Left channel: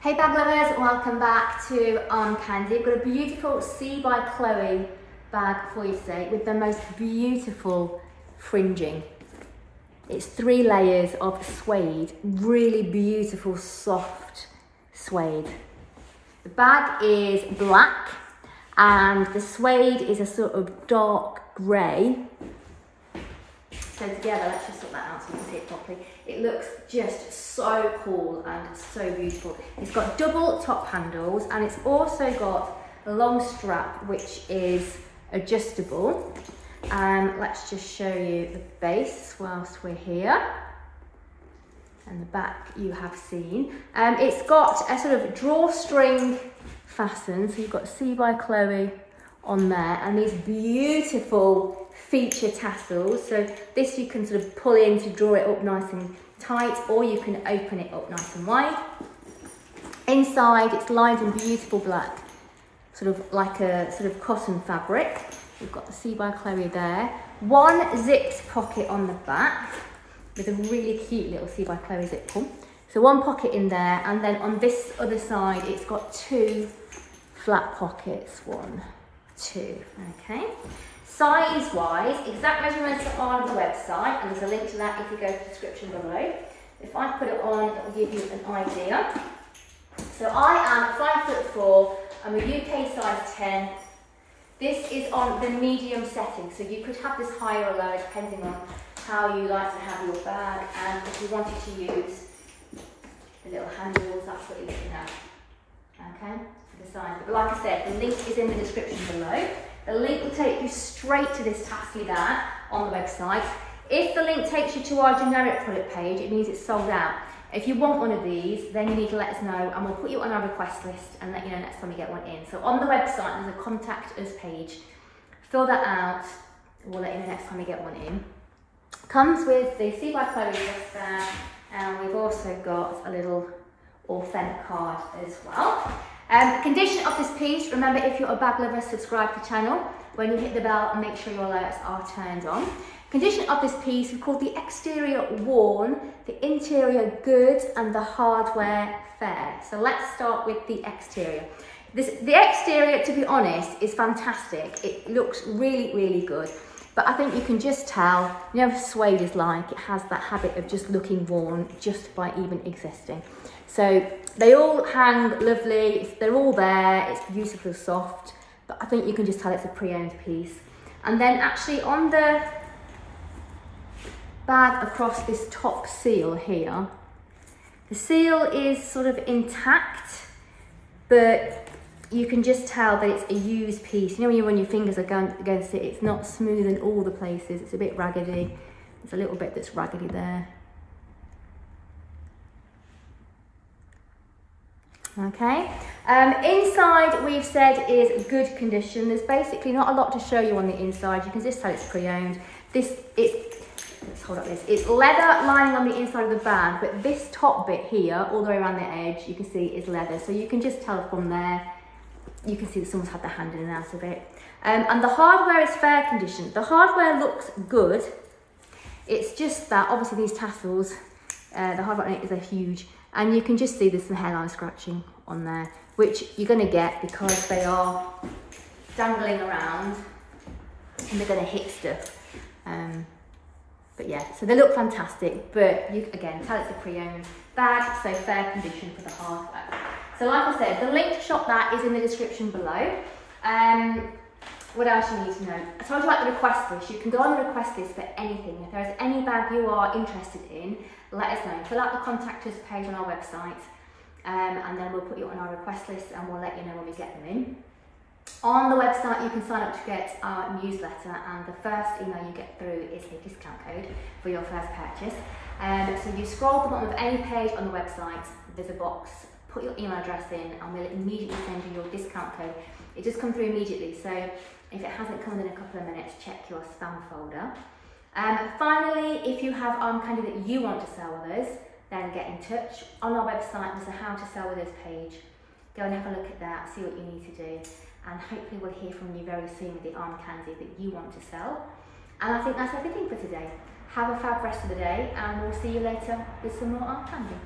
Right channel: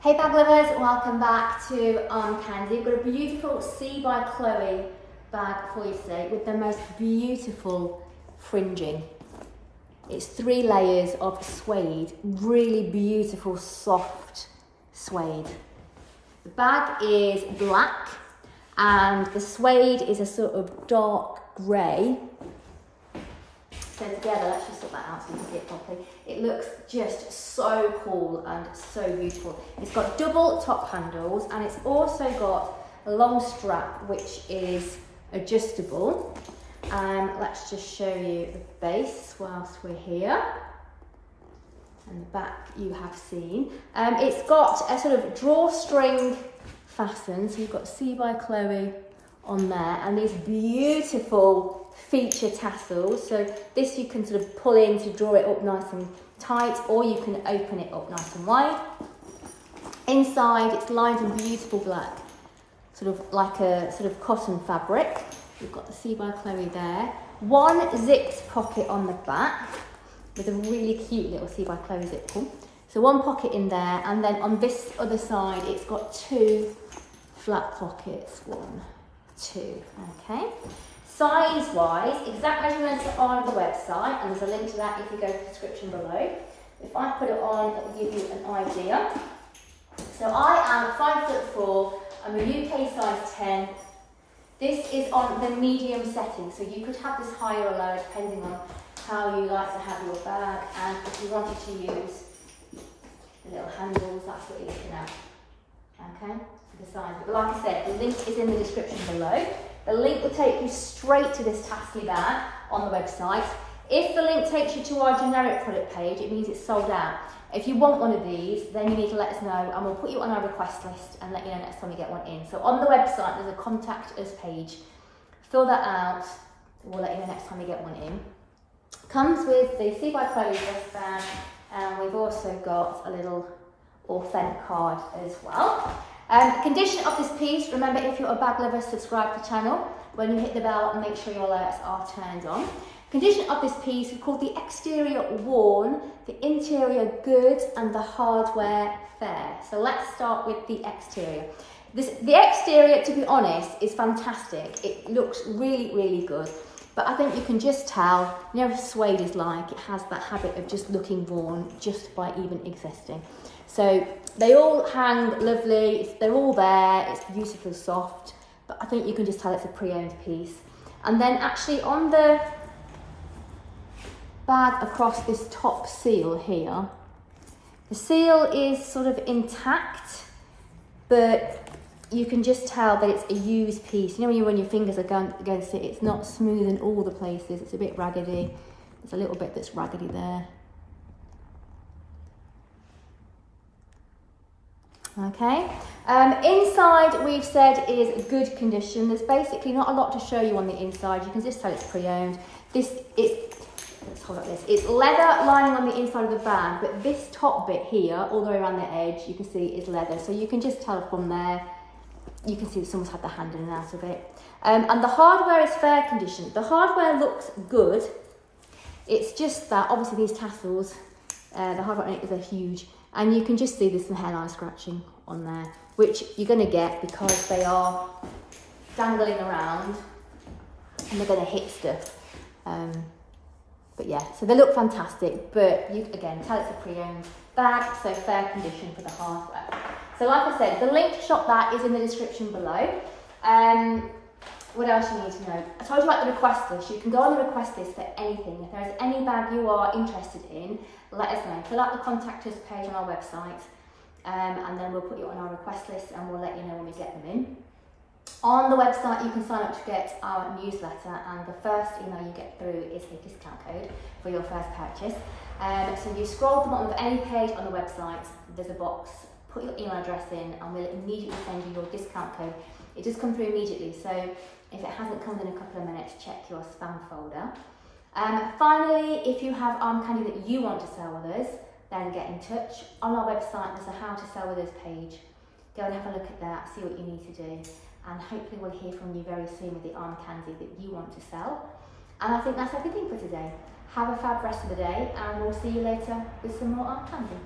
Hey bag lovers, welcome back to Candy. We've got a beautiful See by Chloé bag for you today with the most beautiful fringing. It's 3 layers of suede, really beautiful soft suede. The bag is black and the suede is a sort of dark grey. So together, let's just sort that out so you can see it properly. It looks just so cool and so beautiful. It's got double top handles and it's also got a long strap which is adjustable. Let's just show you the base whilst we're here. And the back you have seen. It's got a sort of drawstring fasten, so you've got See by Chloé on there and these beautiful feature tassels. So this you can sort of pull in to draw it up nice and tight, or you can open it up nice and wide. Inside it's lined in beautiful black, sort of like a sort of cotton fabric. We've got the See by Chloé there. 1 zipped pocket on the back with a really cute little See by Chloé zip pull. So 1 pocket in there, and then on this other side it's got 2 flat pockets. 1, 2, okay. Size-wise, exact measurements are on the website, and there's a link to that if you go to the description below. If I put it on, it will give you an idea. So I am 5'4", I'm a UK size 10. This is on the medium setting, so you could have this higher or lower depending on how you like to have your bag, and if you wanted to use the little handles, that's what you're looking at, okay, for the size. But like I said, the link is in the description below. The link will take you straight to this tassel bag on the website. If the link takes you to our generic product page, it means it's sold out. If you want one of these, then you need to let us know and we'll put you on our request list and let you know next time you get one in. So on the website, there's a contact us page. Fill that out, we'll let you know next time you get one in. Comes with the See by Chloé wristband, and we've also got a little authentic card as well. Condition of this piece, remember if you're a bag lover, subscribe to the channel. When you hit the bell, make sure your alerts are turned on. Condition of this piece, we've called the exterior worn, the interior good, and the hardware fair. So let's start with the exterior. The exterior, to be honest, is fantastic. It looks really, really good. But I think you can just tell, you know what suede is like, it has that habit of just looking worn just by even existing. So they all hang lovely, they're all there, it's beautifully soft, but I think you can just tell it's a pre-owned piece. And then actually on the bag across this top seal here, the seal is sort of intact, but you can just tell that it's a used piece. You know when you run your fingers against it, it's not smooth in all the places, it's a bit raggedy. There's a little bit that's raggedy there. Okay, inside we've said is good condition. There's basically not a lot to show you on the inside. You can just tell it's pre-owned. Let's hold up this. It's leather lining on the inside of the bag, but this top bit here, all the way around the edge, you can see is leather. So you can just tell from there, you can see that someone's had their hand in and out of it. And the hardware is fair condition. The hardware looks good. It's just that obviously these tassels, the hardware on it is huge. And you can just see there's some hairline scratching on there, which you're going to get because they are dangling around and they're going to hit stuff. But yeah, so they look fantastic, but you again tell it's a pre-owned bag, so fair condition for the hardware. So like I said, the link to shop that is in the description below. What else you need to know? I told you about the request list. You can go on the request list for anything. If there's any bag you are interested in, let us know. Fill out the contact us page on our website, and then we'll put you on our request list and we'll let you know when we get them in. On the website, you can sign up to get our newsletter, and the first email you get through is a discount code for your first purchase. So you scroll to the bottom of any page on the website, there's a box, put your email address in, and we'll immediately send you your discount code. It just comes through immediately, so if it hasn't come within a couple of minutes, check your spam folder. Finally, if you have candy that you want to sell with us, then get in touch. On our website, there's a how to sell with us page. Go and have a look at that, see what you need to do, and hopefully we'll hear from you very soon with the arm candy that you want to sell. And I think that's everything for today. Have a fab rest of the day, and we'll see you later with some more arm candy.